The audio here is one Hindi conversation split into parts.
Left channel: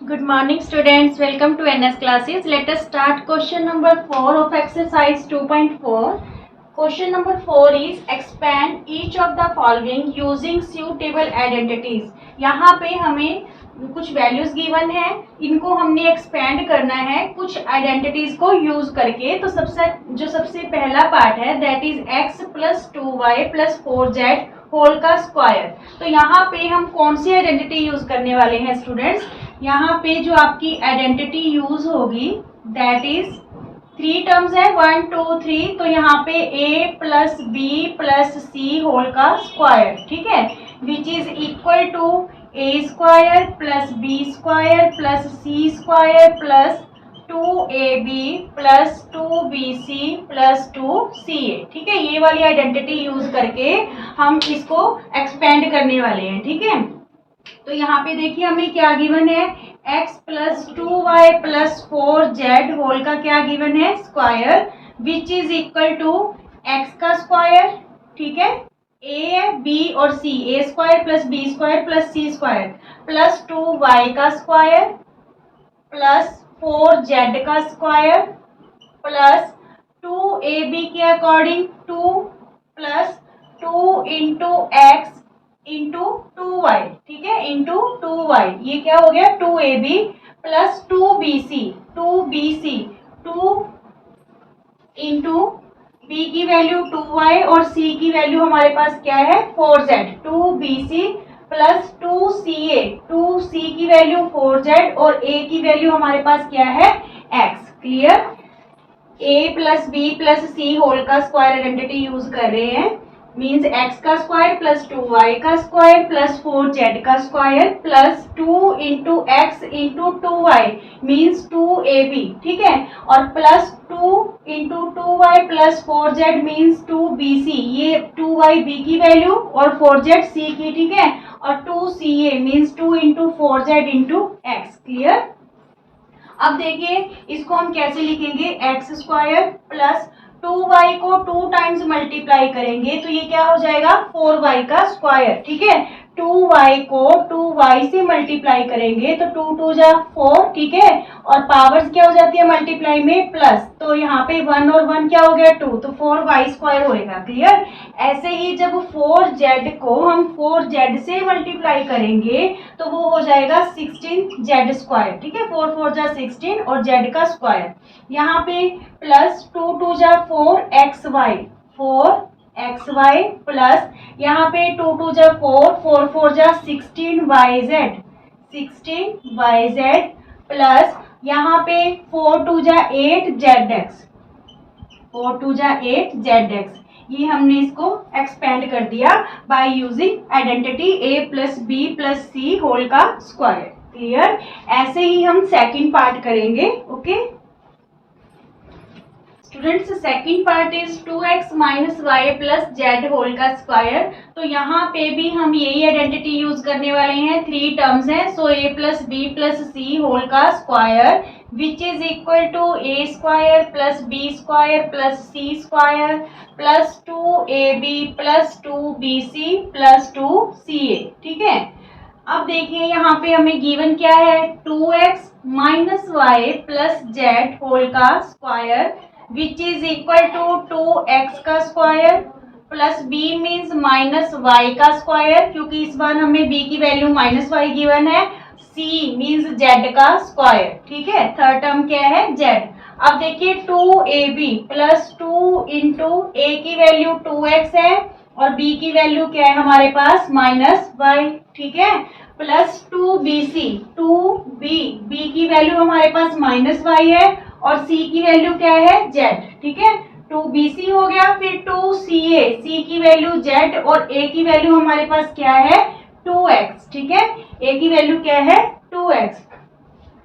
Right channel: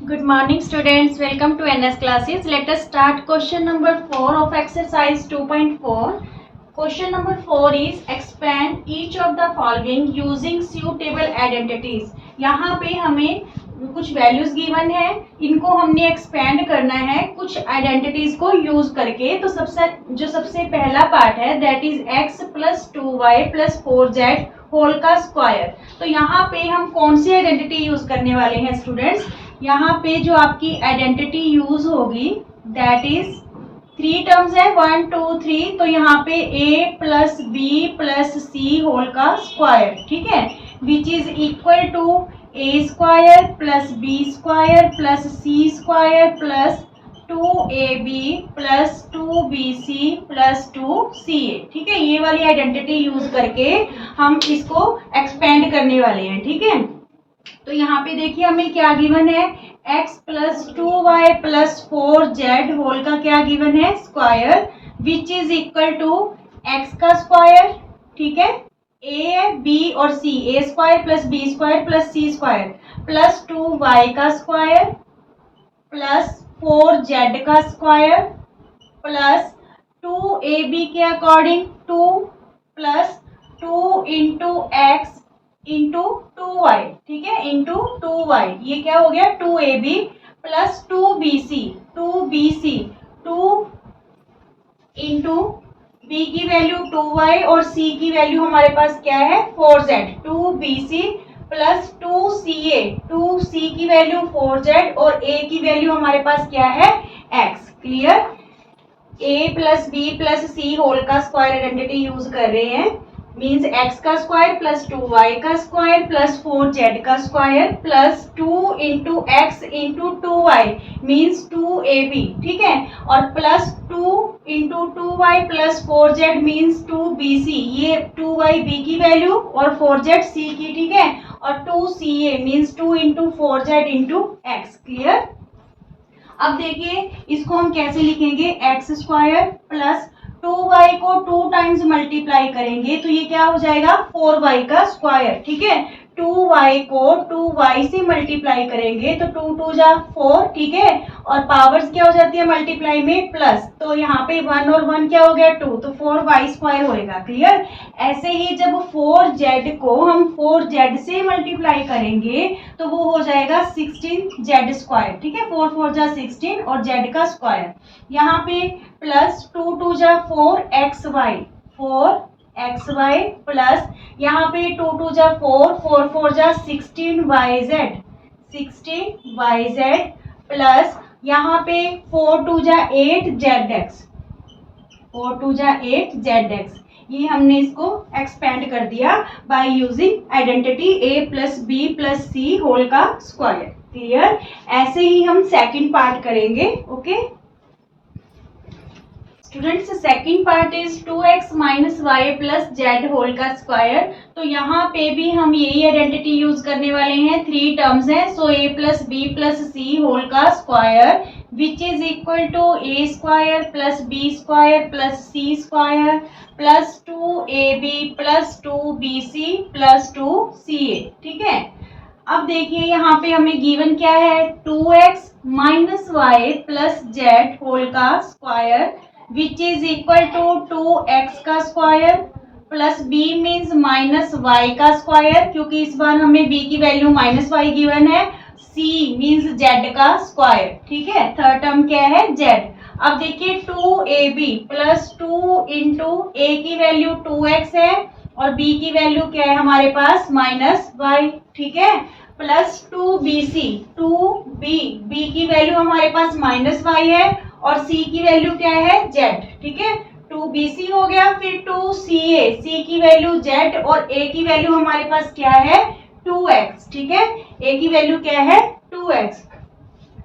Good morning students, welcome to NS classes. Let us start question number 4 of exercise 2.4. Question number 4 is expand each of the following using suitable identities. यहाँ पे हमें कुछ वैल्यूज गिवन है, इनको हमने एक्सपेंड करना है कुछ आइडेंटिटीज को यूज करके। तो सबसे पहला पार्ट है that is x plus 2y plus 4z whole का स्क्वायर। तो यहाँ पे हम कौन सी आइडेंटिटी यूज करने वाले हैं स्टूडेंट्स? यहाँ पे जो आपकी आइडेंटिटी यूज होगी दैट इज 3 टर्म्स है 1 2 3। तो यहाँ पे a plus B plus C whole का स्क्वायर, ठीक है, which is equal to a square plus B square plus C square plus 2ab plus 2bc plus 2ca। ठीक है, ये वाली आइडेंटिटी यूज करके हम इसको एक्सपेंड करने वाले हैं। ठीक है, तो यहाँ पे देखिए हमें क्या गिवन है, x plus 2y plus 4z whole का क्या गिवन है, square, which is equal to x का स्क्वायर, ठीक है, a b और c, a square plus b square plus c square plus 2y का स्क्वायर प्लस 4z का स्क्वायर प्लस 2ab के according 2 plus 2 into x into 2y, ठीक है, इंटू 2y, ये क्या हो गया 2ab plus 2bc 2 into b की वैल्यू 2y और c की वैल्यू हमारे पास क्या है 4z, 2bc प्लस 2c की वैल्यू 4z और a की वैल्यू हमारे पास क्या है x। Clear? a plus B plus C whole का स्क्वायर आइडेंटिटी यूज कर रहे हैं, मीन्स x का स्क्वायर प्लस 2y का स्क्वायर प्लस 4z का square plus 2 into x into 2y means 2ab, ठीक है, और plus 2 into 2y plus 4z means 2bc, ये 2y b की वैल्यू और 4z c की, ठीक है, और 2ca means 2 into 4z into x. Clear? अब देखिए इसको हम कैसे लिखेंगे, एक्स स्क्वायर प्लस 2y को 2 टाइम्स मल्टीप्लाई करेंगे तो ये क्या हो जाएगा 4y का स्क्वायर, ठीक है, 2y को 2y से मल्टीप्लाई करेंगे तो 2 2 जा 4, ठीक है, और पावर्स क्या हो जाती है मल्टीप्लाई में प्लस, तो यहाँ पे 1 और 1 क्या हो गया 2, तो 4y स्क्वायर होएगा। क्लियर? ऐसे ही जब 4z को हम 4z से मल्टीप्लाई करेंगे तो वो हो जाएगा 16z स्क्वायर, ठीक है, 4 4 जा 16 और z का स्क्वायर, यहाँ पे प्लस 2 2 जा 4xy प्लस यहाँ पे 2 2 जा 4 4 4 जा 16yz प्लस यहाँ पे 4 2 जा 8zx 4 2 जा 8zx। ये हमने इसको एक्सपेंड कर दिया by using identity a plus B plus C whole का स्क्वायर। क्लियर? ऐसे ही हम सेकंड पार्ट करेंगे। Okay students, second part is 2x minus Y plus Z whole का स्क्वायर। तो यहाँ पे भी हम यही आइडेंटिटी यूज करने वाले हैं, 3 टर्म्स हैं, so a plus B plus C whole का square which is equal to a square plus B square plus C square plus 2ab plus 2bc plus 2ca। ठीक है, अब देखिए यहाँ पे हमें गिवन क्या है, 2x minus Y plus Z whole का square which is equal to 2x का square plus b means minus y का स्क्वायर, क्योंकि इस बार हमें b की वैल्यू माइनस y गिवन है, c मीन्स z का स्क्वायर। ठीक है, थर्ड टर्म क्या है z। अब देखिए 2ab प्लस 2 इंटू a की वैल्यू 2x है और b की वैल्यू क्या है हमारे पास माइनस y, ठीक है, प्लस 2bc 2b की वैल्यू हमारे पास माइनस y है और c की वैल्यू क्या है z, ठीक है, 2bc हो गया, फिर 2ca c की वैल्यू z और a की वैल्यू हमारे पास क्या है 2x, ठीक है, a की वैल्यू क्या है 2x,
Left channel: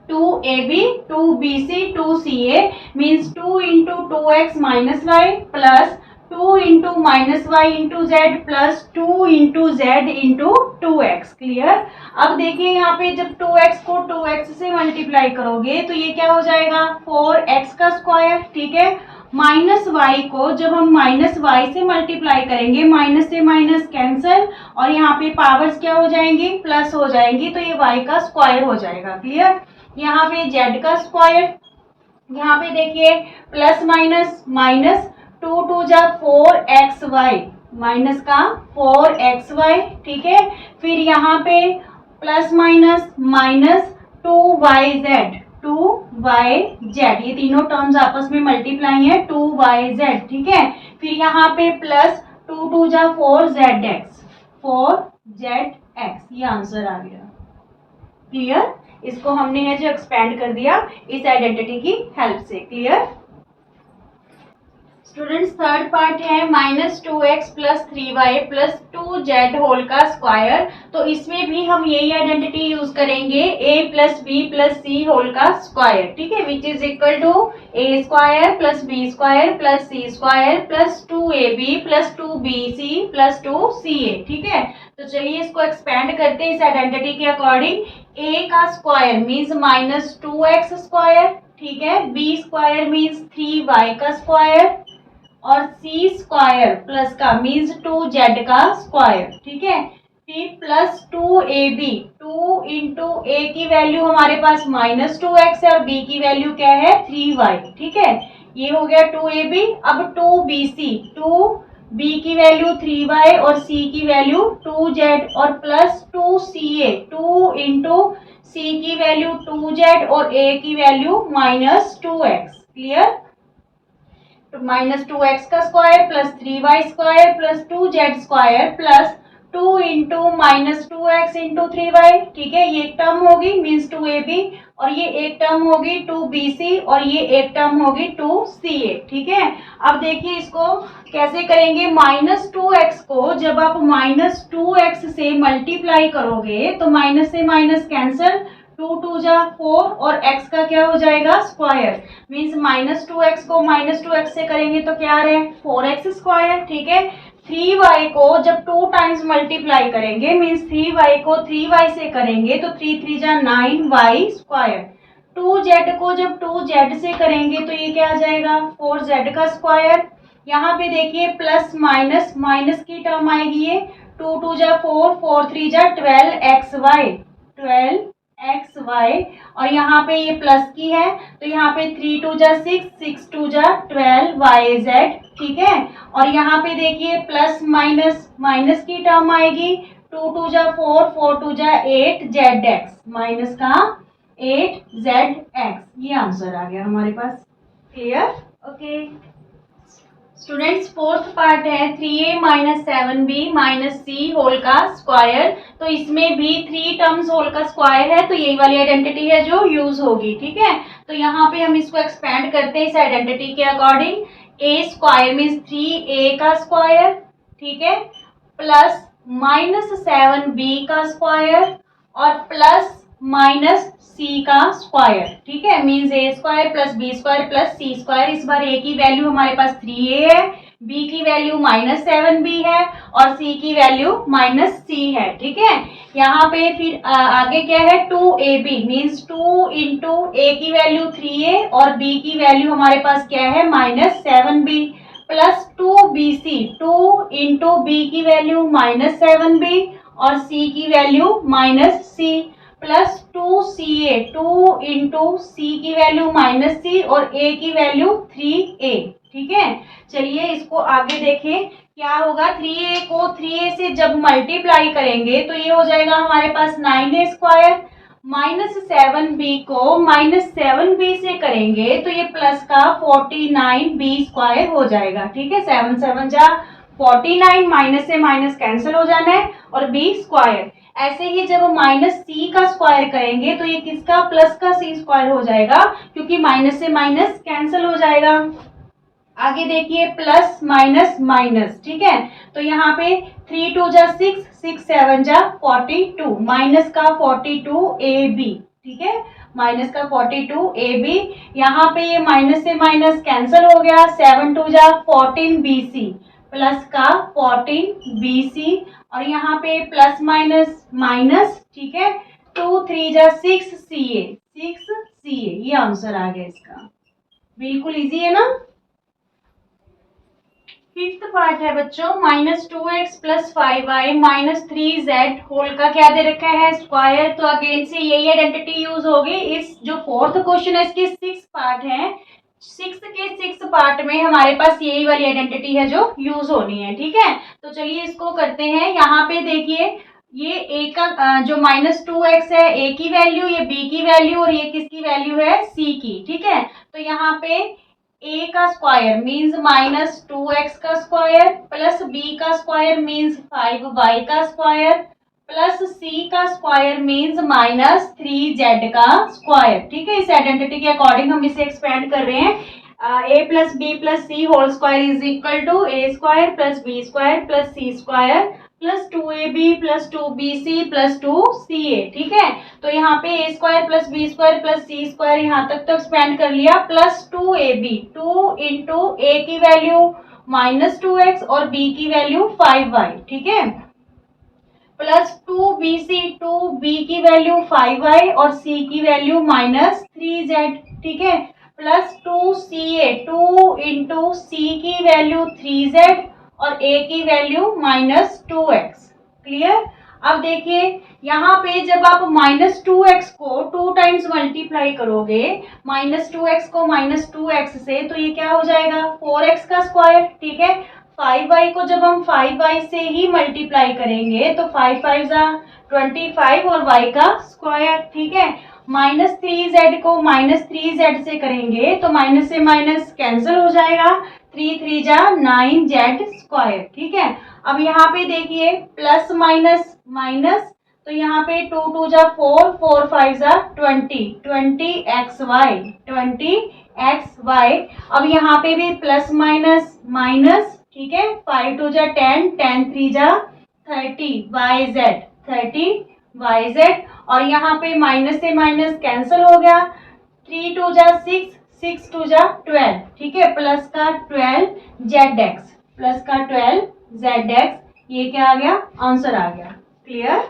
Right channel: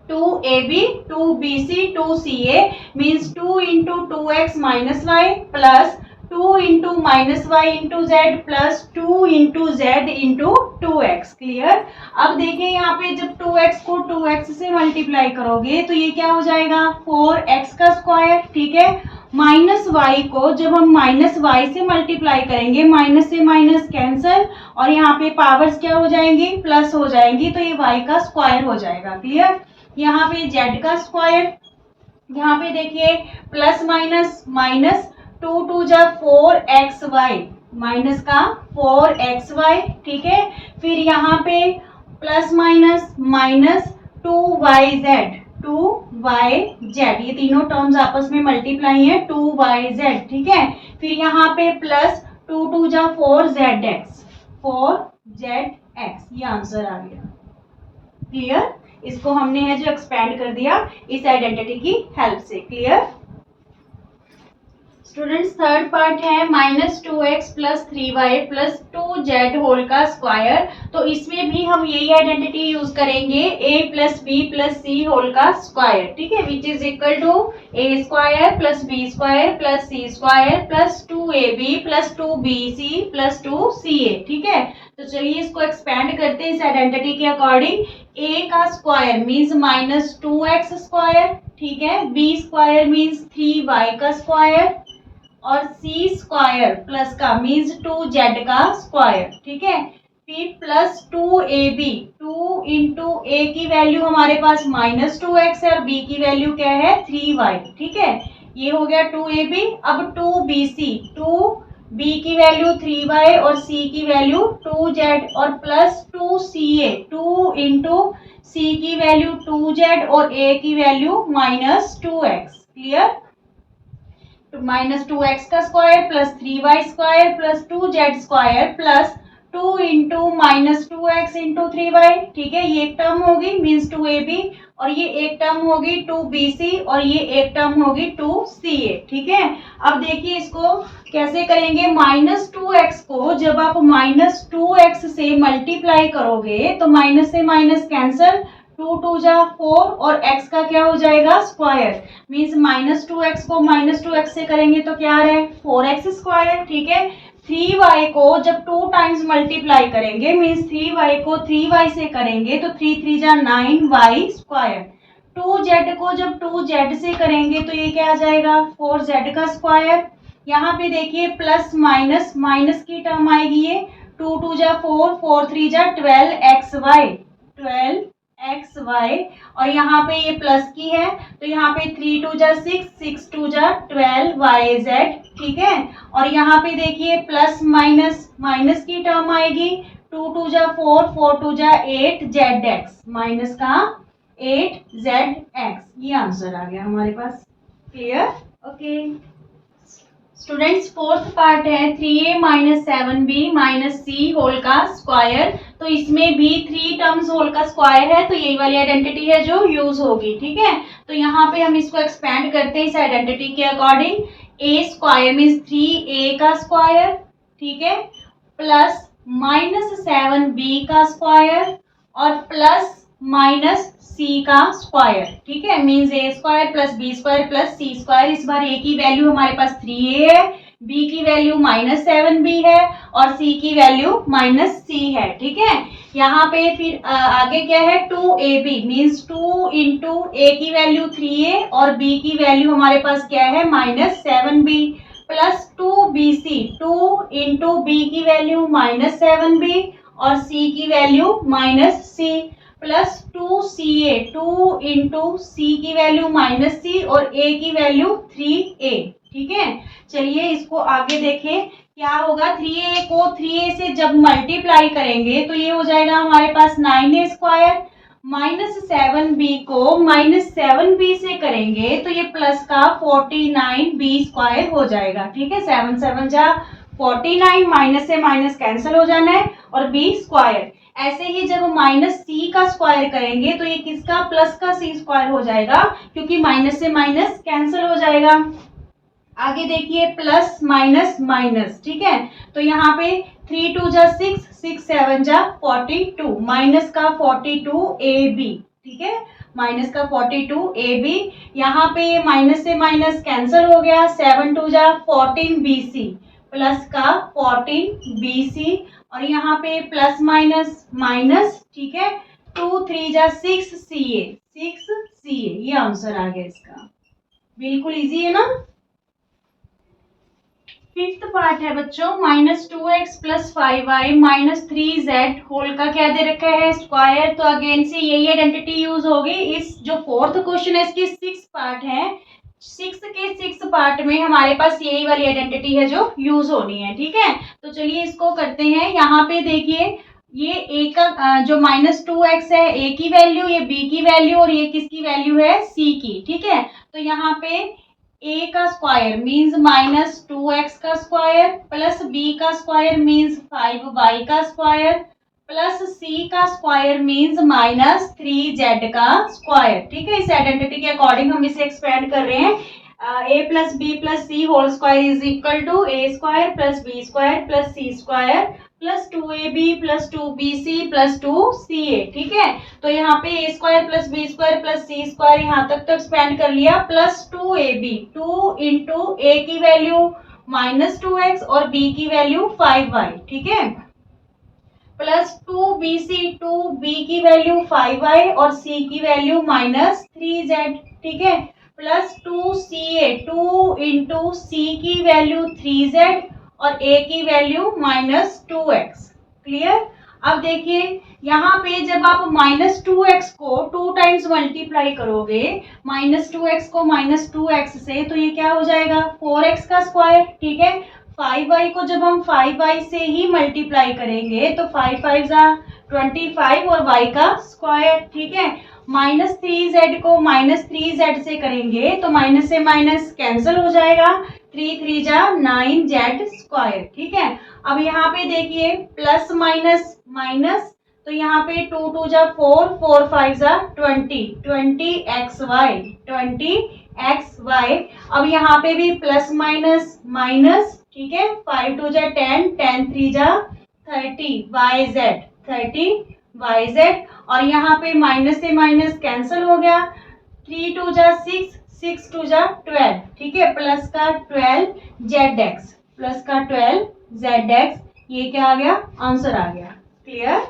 2ab 2bc 2ca means 2 into 2x minus Y plus 2 into minus Y into Z plus 2 into Z into 2x। Clear? अब देखिए यहाँ पे जब 2x को 2x से मल्टीप्लाई करोगे तो ये क्या हो जाएगा 4x का स्क्वायर, ठीक है, माइनस वाई को जब हम माइनस वाई से मल्टीप्लाई करेंगे, माइनस से माइनस कैंसल, और यहाँ पे पावर्स क्या हो जाएंगी, प्लस हो जाएंगी, तो ये वाई का स्क्वायर हो जाएगा। क्लियर। यहाँ पे जेड का स्क्वायर, यहाँ पे देखिए प्लस माइनस माइनस, 2 2 जा 4xy, माइनस का 4xy, ठीक है। फिर यहाँ पे plus minus minus 2yz, 2yz, ये तीनों टर्म्स आपस में मल्टीप्लाई है, 2yz, ठीक है। फिर यहाँ पे प्लस 2 2 जा 4zx, 4zx, ये आंसर आ गया। क्लियर। इसको हमने है जो एक्सपेंड कर दिया इस आइडेंटिटी की हेल्प से। क्लियर। स्टूडेंट्स थर्ड पार्ट है -2x plus 3y plus 2z whole का स्क्वायर। तो इसमें भी हम यही आइडेंटिटी यूज करेंगे, a plus B plus C whole का स्क्वायर, ठीक है, which is equal to a square plus b square plus c square plus 2ab plus 2bc plus 2ca, ठीक है। तो चलिए इसको एक्सपेंड करते हैं इस आइडेंटिटी के अकॉर्डिंग। a का स्क्वायर मीन्स -2x स्क्वायर, ठीक है, b स्क्वायर मीन्स 3y का स्क्वायर, और c स्क्वायर प्लस का मीन्स 2z का स्क्वायर, ठीक है। फिर प्लस 2ab, 2 इंटू a की वैल्यू हमारे पास -2x है और b की वैल्यू क्या है 3y, ठीक है। ये हो गया 2ab। अब 2bc, 2b की वैल्यू 3y और c की वैल्यू 2z, और प्लस 2ca, 2 इंटू c की वैल्यू 2z और a की वैल्यू -2x। क्लियर। -2x का square plus 3y square plus 2z square plus 2 into -2x into 3y, ठीक है, ये एक टर्म होगी मीन्स 2ab, और ये एक टर्म होगी 2bc, और ये एक टर्म होगी 2ca, ठीक है। अब देखिए इसको कैसे करेंगे। -2x को जब आप -2x से मल्टीप्लाई करोगे तो माइनस से माइनस कैंसल, 2 2 जा 4 और x का क्या हो जाएगा स्क्वायर, मीन्स -2x को -2x से करेंगे तो क्या आ रहा है 4x स्क्वायर, ठीक है। 3y को जब 2 टाइम्स मल्टीप्लाई करेंगे मीन्स 3y को 3y से करेंगे तो 3 3 जा 9y स्क्वायर। 2z को जब 2z से करेंगे तो ये क्या आ जाएगा 4z का स्क्वायर। यहाँ पे देखिए प्लस माइनस माइनस की टर्म आएगी, ये 2 2 जा 4, 4 3 जा 12xy, 12xy, और यहाँ पे ये प्लस की है तो यहाँ पे 3 2 जा 6, 6 2 जा 12yz, ठीक है। और यहाँ पे देखिए प्लस माइनस माइनस की टर्म आएगी, 2 2 जा 4, 4 2 जा 8zx, माइनस का 8zx, ये आंसर आ गया हमारे पास। Clear. Okay students fourth part है 3a minus 7b minus c whole का स्क्वायर। तो इसमें भी 3 टर्म्स होल का स्क्वायर है, तो यही वाली आइडेंटिटी है जो यूज होगी, ठीक है। तो यहाँ पे हम इसको एक्सपेंड करते हैं इस आइडेंटिटी के according. a square means 3a का स्क्वायर, ठीक है, प्लस -7b का स्क्वायर और प्लस माइनस सी का स्क्वायर, ठीक है, means a square plus B square plus C square. इस बार ए की वैल्यू हमारे पास 3a है, बी की वैल्यू -7b है और सी की वैल्यू -c है, ठीक है। यहाँ पे फिर आगे क्या है 2ab मीन्स 2 इंटू ए की वैल्यू 3a और बी की वैल्यू हमारे पास क्या है -7b plus 2bc, 2 into b की वैल्यू -7b और c की value -c plus 2ca, 2 into c की वैल्यू -c और a की वैल्यू 3a, ठीक है। चलिए इसको आगे देखें क्या होगा। 3a को 3a से जब मल्टीप्लाई करेंगे तो ये हो जाएगा हमारे पास 9a स्क्वायर, -7b को -7b से करेंगे तो ये प्लस का 49b स्क्वायर हो जाएगा, ठीक है। 7 7 जा 49, माइनस से माइनस कैंसिल हो जाना है और b स्क्वायर। ऐसे ही जब माइनस सी का स्क्वायर करेंगे तो ये किसका प्लस का सी स्क्वायर हो जाएगा, क्योंकि माइनस से माइनस कैंसिल हो जाएगा। आगे देखिए प्लस माइनस माइनस, ठीक है। तो यहाँ पे 3 2 जा 6, 6 7 जा 42, माइनस का 42ab, ठीक है, माइनस का 42ab। यहाँ पे माइनस से माइनस कैंसिल हो गया, 7 2 जा 14bc प्लस का 14bc, और यहाँ पे प्लस माइनस माइनस, ठीक है, 2 3 जा 6ca, 6ca, ये आंसर आ गया इसका। बिल्कुल इजी है ना। फिफ्थ पार्ट है बच्चों, -2x + 5y - 3z होल का क्या दे रखा है, स्क्वायर। तो अगेन से यही आइडेंटिटी यूज होगी। इस जो फोर्थ क्वेश्चन है इसकी 6 पार्ट है, 6 के 6 पार्ट में हमारे पास यही वाली आइडेंटिटी है जो यूज होनी है। ठीक है, तो चलिए इसको करते हैं। यहाँ पे देखिए ये a का जो -2x है a की वैल्यू, ये b की वैल्यू और ये किसकी वैल्यू है, c की। ठीक है, तो यहाँ पे a का स्क्वायर मीन्स -2x का स्क्वायर प्लस b का स्क्वायर मीन्स 5y का स्क्वायर प्लस c का स्क्वायर मीन्स -3z का स्क्वायर। ठीक है, इस आइडेंटिटी के अकॉर्डिंग हम इसे एक्सपेंड कर रहे हैं। a + b + c whole square is equal to a square + b square + c square plus 2ab + 2bc + 2ca। ठीक है, तो यहाँ पे a square + b square + c square यहाँ तक तो एक्सपेंड कर लिया, प्लस 2ab 2 इंटू a की वैल्यू -2x और b की वैल्यू 5y। ठीक है, प्लस 2bc 2b की वैल्यू 5y और c की वैल्यू -3z। ठीक है, प्लस 2ca 2 इंटू c की वैल्यू 3z और a की वैल्यू -2x। क्लियर। अब देखिए यहाँ पे जब आप -2x को 2 टाइम्स मल्टीप्लाई करोगे, -2x को -2x से, तो ये क्या हो जाएगा 4x का स्क्वायर। ठीक है, 5y को जब हम 5y से ही मल्टीप्लाई करेंगे तो 5 5 25 और y का स्क्वायर। ठीक है, -3z को -3z से करेंगे तो माइनस से माइनस कैंसिल हो जाएगा, 3 3 9z स्क्वायर। ठीक है, अब यहाँ पे देखिए प्लस माइनस माइनस, तो यहाँ पे 2 2 4 4 5 20xy। अब यहाँ पे भी प्लस माइनस माइनस। ठीक है, 5 2 10 10 3 30yz और यहाँ पे माइनस से माइनस कैंसिल हो गया, 3 2 6 6 2 12। ठीक है, प्लस का 12zx, ये क्या आ गया, आंसर आ गया। Clear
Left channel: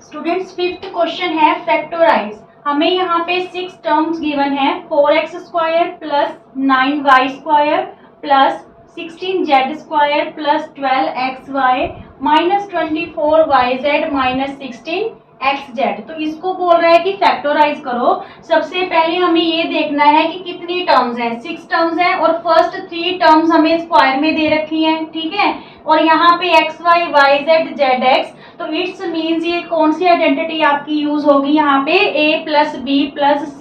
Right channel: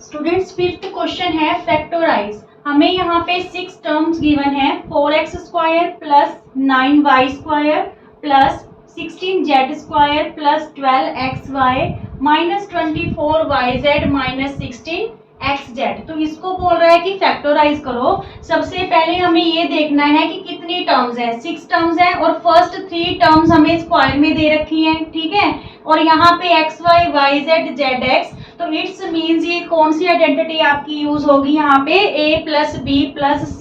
students. फिफ्थ क्वेश्चन है फैक्टराइज। हमें यहाँ पे 6 टर्म्स गिवन है, 4x square plus 9y square plus 16z square plus 12xy minus 24yz minus 16xz। तो इसको बोल रहा है कि फैक्टराइज करो। सबसे पहले हमें ये देखना है कि कितनी टर्म्स हैं, 6 टर्म्स हैं और फर्स्ट 3 टर्म्स हमें स्क्वायर में दे रखी हैं। ठीक है, और यहाँ पे xy yz zx, तो इट्स मीन्स ये कौन सी आइडेंटिटी आपकी यूज होगी यहाँ पे, a + b + c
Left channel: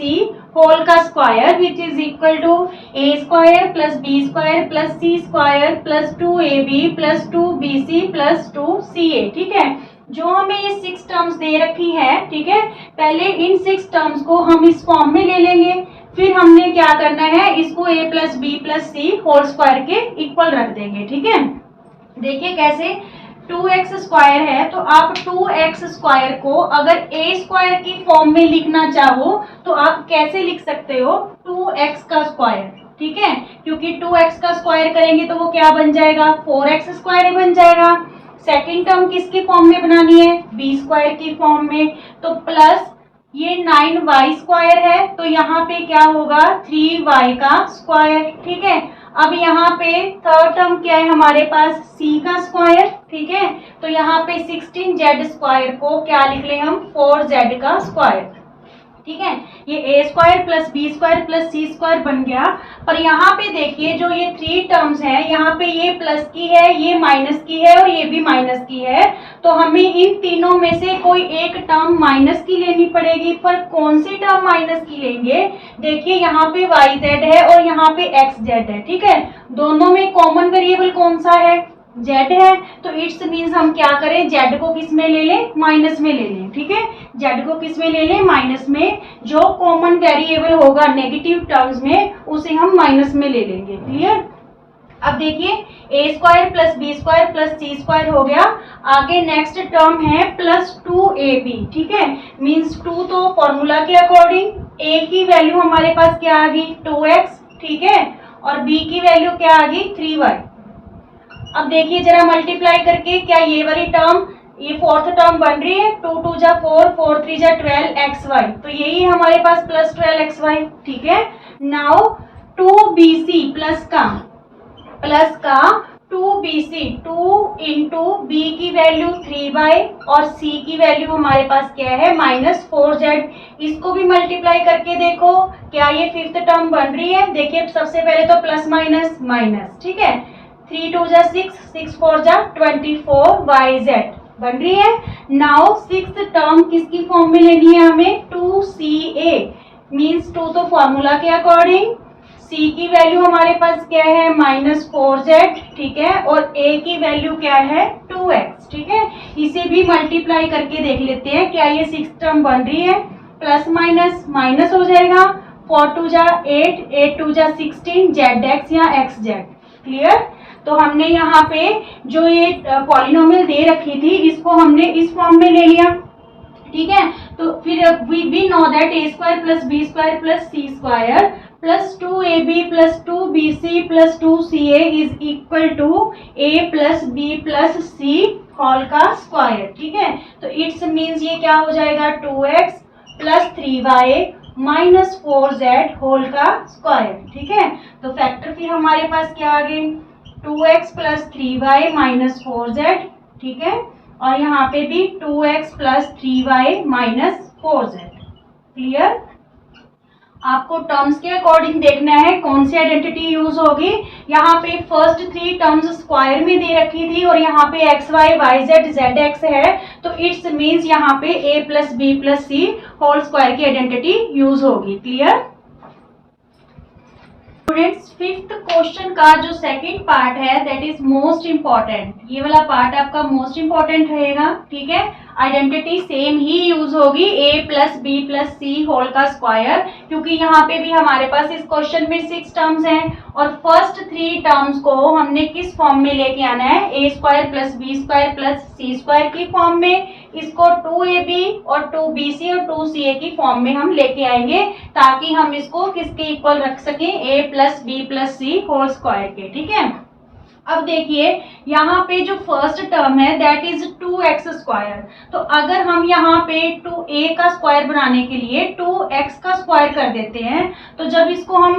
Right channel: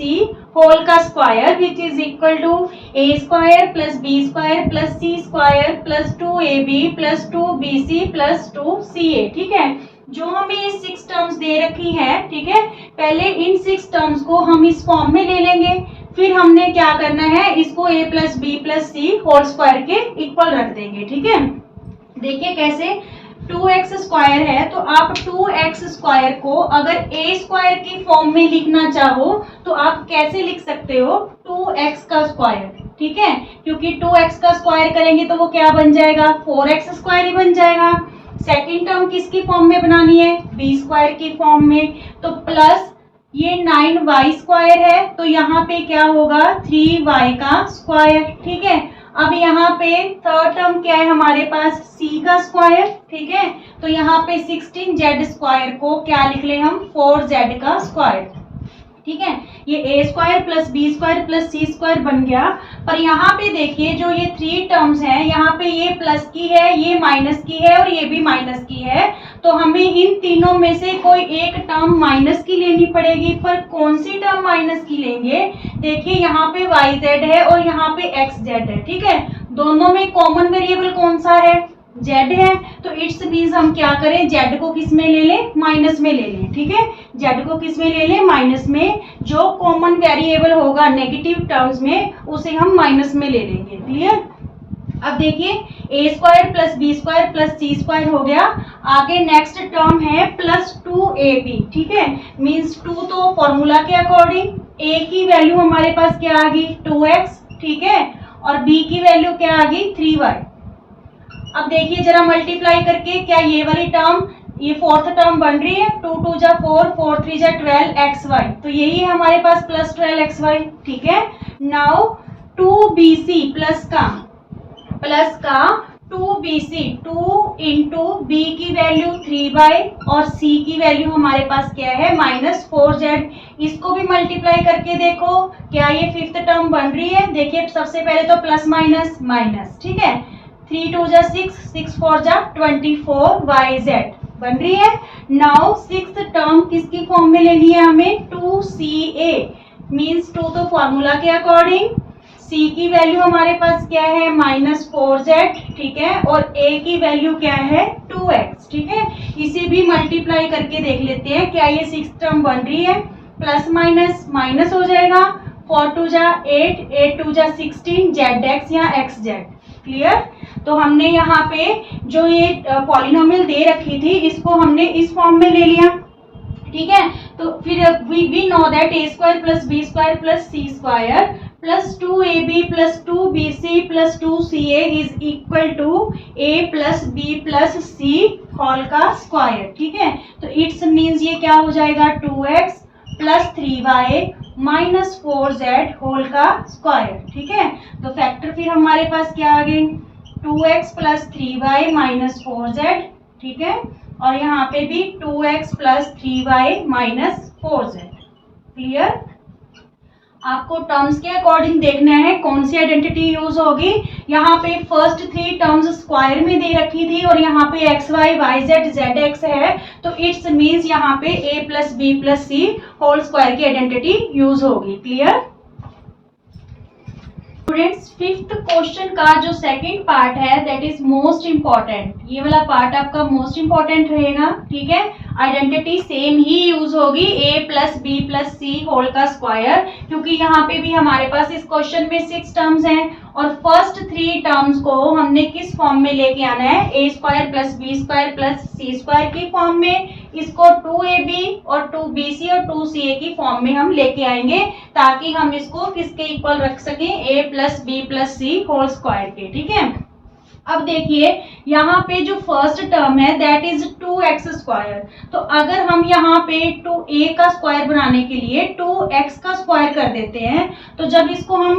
होल का square which is equal to a square + b square + c square + 2ab + 2bc + 2ca। ठीक है, जो हमें ये 6 टर्म्स दे रखी है। ठीक है, पहले इन 6 टर्म्स को हम इस फॉर्म में ले लेंगे, फिर हमने क्या करना है, इसको a + b + c whole square के इक्वल रख देंगे। ठीक है, देखिए कैसे, 2x स्क्वायर है तो आप 2x स्क्वायर को अगर a स्क्वायर की फॉर्म में लिखना चाहो तो आप कैसे लिख सकते हो, 2x का स्क्वायर। ठीक है, क्योंकि 2x का स्क्वायर करेंगे तो वो क्या बन जाएगा, 4x स्क्वायर बन जाएगा। सेकंड टर्म किसकी फॉर्म में बनानी है, b स्क्वायर की फॉर्म में, तो प्लस ये 9y स्क्वायर है तो यहाँ पे क्या होगा, 3y का स्क्वायर। ठीक है, अब यहाँ पे थर्ड टर्म क्या है हमारे पास, c का स्क्वायर। ठीक है, तो यहाँ पे 16z स्क्वायर को क्या लिख ले हम, 4z का स्क्वायर। ठीक है, ये a square + b square + c square बन गया। पर यहाँ पे देखिए जो ये 3 टर्म्स है, यहाँ पे ये प्लस की है, ये माइनस की है और ये भी माइनस की है, तो हमें इन तीनों में से कोई एक टर्म माइनस की लेनी पड़ेगी। पर कौन सी टर्म माइनस की लेंगे, देखिए यहाँ पे yz है और यहाँ पे xz है। ठीक है, दोनों में कॉमन वेरिएबल कौन सा है, z है, तो इट्स मीन्स हम क्या करें, z को किस में ले लें, माइनस में ले लें। ठीक है, z को किस में ले लें, माइनस में। जो कॉमन वेरिएबल होगा नेगेटिव टर्म्स में उसे हम माइनस में ले लेंगे। क्लियर। अब देखिए a square + b square + c square हो गया। आगे नेक्स्ट टर्म है +2ab। ठीक है, मीन्स 2 तो फॉर्मूला के अकॉर्डिंग, a की वैल्यू हमारे पास क्या आ गई, 2x। ठीक है, और b की वैल्यू क्या आ गई, 3y। अब देखिए जरा मल्टीप्लाई करके, क्या ये वाली टर्म, ये फोर्थ टर्म बन रही है, 2 2 4 4 3 12xy, तो यही हमारे पास +12xy। ठीक है, नाउ 2bc प्लस का प्लस का 2bc, 2 इंटू बी की वैल्यू 3y और c की वैल्यू हमारे पास क्या है -4z। इसको भी मल्टीप्लाई करके देखो क्या ये फिफ्थ टर्म बन रही है। देखिए सबसे पहले तो प्लस माइनस माइनस, ठीक है, 3 2 जा 6, 6 4 जा 24yz बन रही है। नाउ सिक्स्थ टर्म किसकी फॉर्म में लेनी है हमें 2ca, मीन्स 2 तो फॉर्मूला के अकॉर्डिंग, c की वैल्यू हमारे पास क्या है -4z, ठीक है, और a की वैल्यू क्या है 2x, ठीक है। इसे भी मल्टीप्लाई करके देख लेते हैं क्या ये सिक्स टर्म बन रही है। प्लस माइनस माइनस हो जाएगा, 4 2 जा 8, 8 2 जा 16, zx या xz, क्लियर। तो हमने यहाँ पे जो ये पॉलिनोमियल दे रखी थी इसको हमने इस फॉर्म में ले लिया, ठीक है। तो फिर we know that a square plus B square plus C square plus 2ab plus 2bc plus 2ca is equal to a plus b plus c whole का स्क्वायर, ठीक है। तो इट्स मीन्स ये क्या हो जाएगा 2x plus 3y minus 4z whole का स्क्वायर, ठीक है। तो फैक्टर फिर हमारे पास क्या आ गई 2x plus 3y minus 4z, ठीक है, और यहाँ पे भी 2x plus 3y minus 4z, clear. आपको टर्म्स के अकॉर्डिंग देखना है कौन सी आइडेंटिटी यूज होगी। यहाँ पे फर्स्ट थ्री टर्म्स स्क्वायर में दे रखी थी और यहाँ पे X Y Y Z Z X है, तो इट्स मीन्स यहाँ पे a plus B plus C whole square की आइडेंटिटी यूज होगी, क्लियर। स्टूडेंट्स फिफ्थ क्वेश्चन का जो सेकंड पार्ट है दैट इज मोस्ट इम्पॉर्टेंट, ये वाला पार्ट आपका मोस्ट इम्पॉर्टेंट रहेगा, ठीक है। आइडेंटिटी सेम ही यूज होगी a plus B plus C whole का स्क्वायर, क्योंकि यहाँ पे भी हमारे पास इस क्वेश्चन में 6 टर्म्स हैं और फर्स्ट 3 टर्म्स को हमने किस फॉर्म में लेके आना है a square plus B square plus C square की फॉर्म में, इसको 2ab और 2bc और 2ca की फॉर्म में हम लेके आएंगे ताकि हम इसको किसके इक्वल रख सकें a plus B plus C whole square के, ठीक है। अब देखिए यहाँ पे जो फर्स्ट टर्म है दैट इज 2x स्क्वायर, तो अगर हम यहाँ पे 2a का स्क्वायर बनाने के लिए 2x का स्क्वायर कर देते हैं, तो जब इसको हम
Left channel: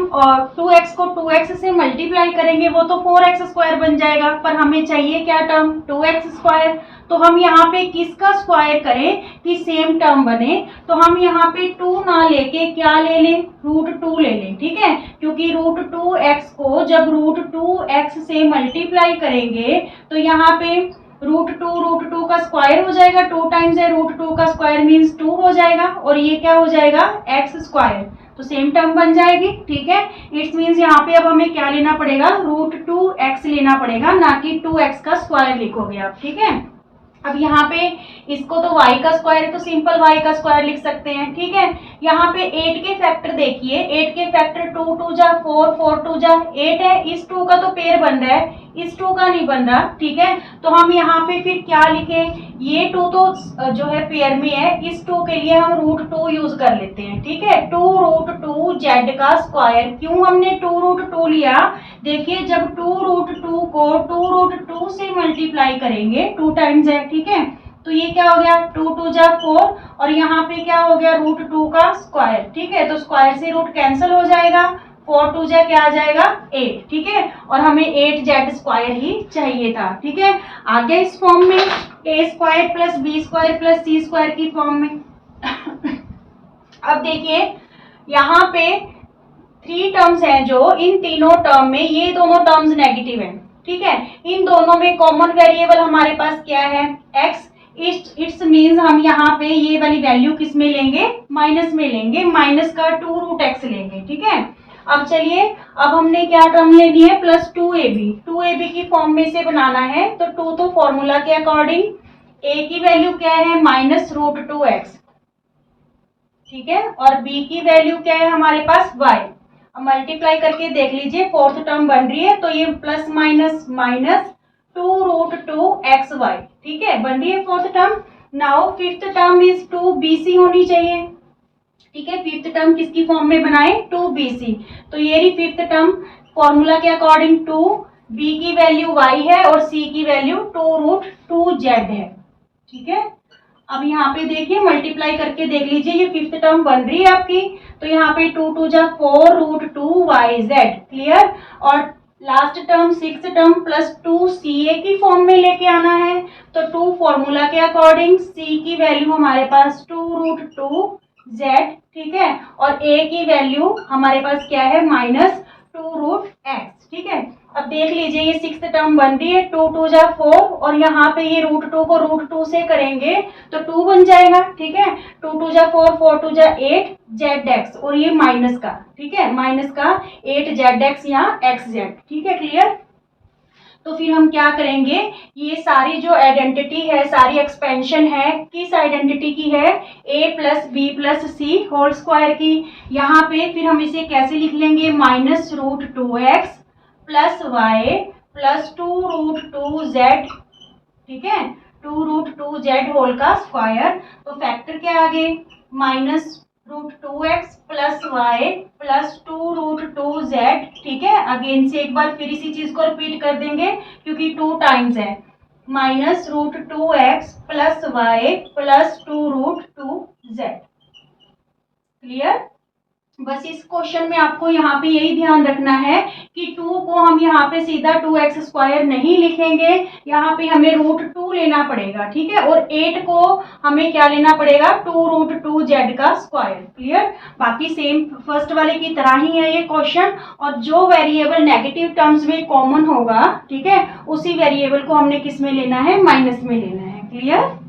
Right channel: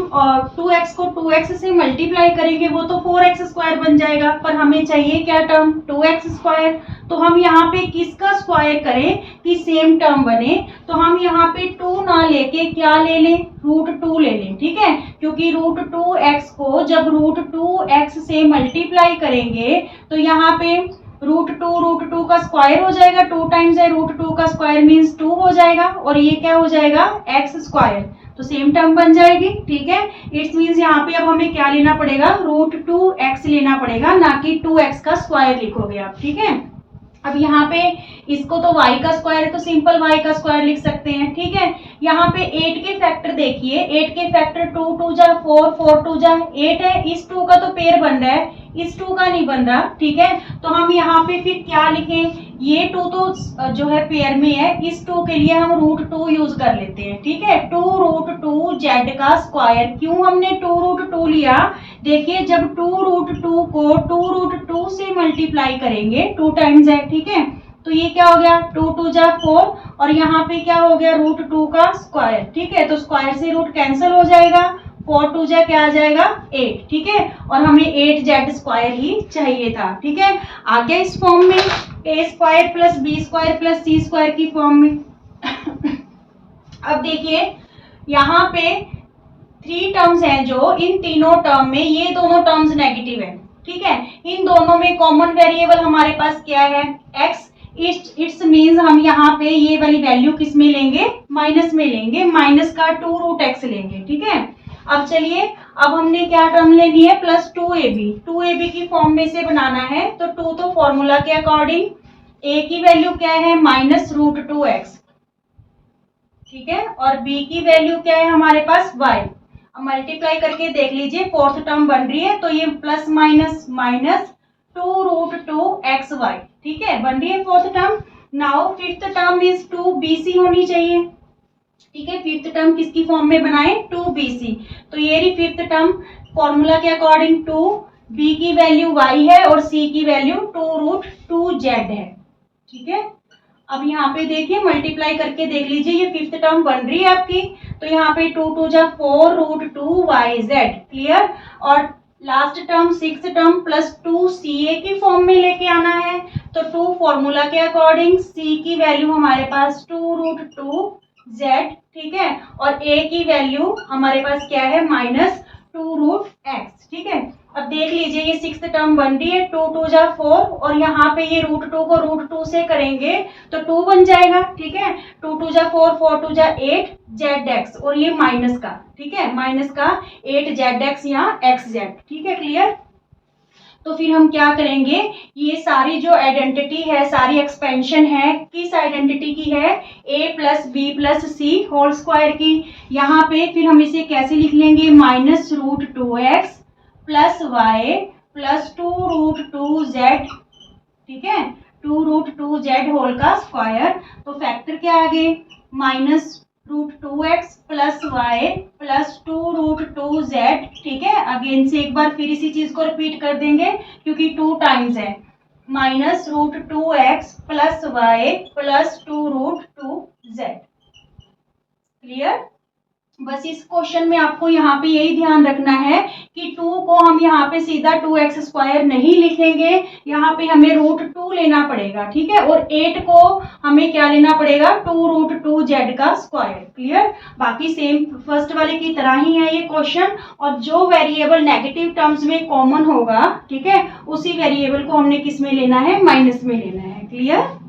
2x को 2x से मल्टीप्लाई करेंगे वो तो 4x स्क्वायर बन जाएगा, पर हमें चाहिए क्या टर्म 2x स्क्वायर। तो हम यहाँ पे किसका स्क्वायर करें कि सेम टर्म बने, तो हम यहाँ पे 2 ना लेके क्या ले लें √2 ले लें, ठीक है, क्योंकि √2x को जब √2x से मल्टीप्लाई करेंगे तो यहाँ पे √2 का स्क्वायर हो जाएगा, 2 टाइम्स है √2 का स्क्वायर मीन्स 2 हो जाएगा और ये क्या हो जाएगा x स्क्वायर, तो सेम टर्म बन जाएगी, ठीक है। इट्स मीन्स यहाँ पे अब हमें क्या लेना पड़ेगा √2x लेना पड़ेगा, ना कि 2x का स्क्वायर लिखोगे आप, ठीक है। अब यहाँ पे इसको तो y का स्क्वायर है तो सिंपल y का स्क्वायर लिख सकते हैं, ठीक है। यहाँ पे 8 के फैक्टर देखिए, 8 के फैक्टर 2 2 जा 4, 4 2 जा 8 है, इस 2 का तो पेयर बन रहा है, इस 2 का नहीं बन रहा, ठीक है। तो हम यहाँ पे फिर क्या लिखें, ये 2 तो जो है पेयर में है, इस 2 के लिए हम √2 यूज कर लेते हैं, ठीक है। 2√2 z का स्क्वायर, क्यों हमने 2√2 लिया, देखिए जब 2√2 को 2√2 से मल्टीप्लाई करेंगे 2 टाइम्स है, ठीक है, तो ये क्या हो गया 2 2 जा 4 और यहाँ पे क्या हो गया √2 का स्क्वायर, ठीक है, तो स्क्वायर से रूट कैंसिल हो जाएगा, 4 2 जा क्या आ जाएगा 8, ठीक है, और हमें 8z स्क्वायर ही चाहिए था, ठीक है। आगे इस फॉर्म में a square plus B square plus C square की फॉर्म में अब देखिए यहाँ पे 3 टर्म्स हैं जो इन तीनों टर्म में ये दोनों टर्म्स नेगेटिव है, ठीक है। इन दोनों में कॉमन वेरिएबल हमारे पास क्या है x, इट्स मीन्स हम यहाँ पे ये वाली वैल्यू किस में लेंगे माइनस में लेंगे, माइनस का 2√x लेंगे, ठीक है। अब चलिए अब हमने क्या टर्म लेनी है प्लस 2ab की फॉर्म में से बनाना है, तो 2 तो फॉर्मूला के अकॉर्डिंग a की वैल्यू क्या है -√2x, ठीक है, और b की वैल्यू क्या है हमारे पास y। अब मल्टीप्लाई करके देख लीजिए फोर्थ टर्म बन रही है, तो ये प्लस माइनस माइनस 2√2xy, ठीक है, बन रही है fourth term. Now fifth term is 2bc होनी चाहिए, ठीक है, फिफ्थ टर्म किसकी फॉर्म में बनाए 2bc, तो ये रही फिफ्थ टर्म, फॉर्मूला के अकॉर्डिंग 2, b की वैल्यू y है और c की वैल्यू 2√2z है, ठीक है। अब यहाँ पे देखिए मल्टीप्लाई करके देख लीजिए ये फिफ्थ टर्म बन रही है आपकी, तो यहाँ पे 2 2 जा 4 √2yz, क्लियर, और last term 6 term plus 2ca की फॉर्म में लेके आना है। तो 2 फॉर्मूला के अकॉर्डिंग c की वैल्यू हमारे पास 2√2z, ठीक है, और a की वैल्यू हमारे पास क्या है -2√x, ठीक है। अब देख लीजिए ये 6th टर्म बन रही है, 2 2 जा 4 और यहाँ पे ये √2 को √2 से करेंगे तो 2 बन जाएगा, ठीक है। 2 2 जा 4, 4 2 जा 8 zx और ये माइनस का, ठीक है, माइनस का 8 zx यहाँ xz, ठीक है, क्लियर। तो फिर हम क्या करेंगे, ये सारी जो आइडेंटिटी है, सारी एक्सपेंशन है, किस आइडेंटिटी की है, a plus B plus C whole square की। यहाँ पे फिर हम इसे कैसे लिख लेंगे, -√2x plus Y plus 2√2z, ठीक है, 2√2z होल का स्क्वायर। तो फैक्टर क्या आ गए, -√2x plus Y plus 2√2z, ठीक है। अगेन से एक बार फिर इसी चीज को रिपीट कर देंगे क्योंकि 2 टाइम्स है, -√2x plus Y plus 2√2z, clear. बस इस क्वेश्चन में आपको यहाँ पे यही ध्यान रखना है कि 2 को हम यहाँ पे सीधा 2x² नहीं लिखेंगे, यहाँ पे हमें √2 लेना पड़ेगा, ठीक है, और 8 को हमें क्या लेना पड़ेगा, 2√2z का स्क्वायर, क्लियर। बाकी सेम फर्स्ट वाले की तरह ही है ये क्वेश्चन, और जो वेरिएबल नेगेटिव टर्म्स में कॉमन होगा, ठीक है, उसी वेरिएबल को हमने किस में लेना है, माइनस में लेना है, क्लियर।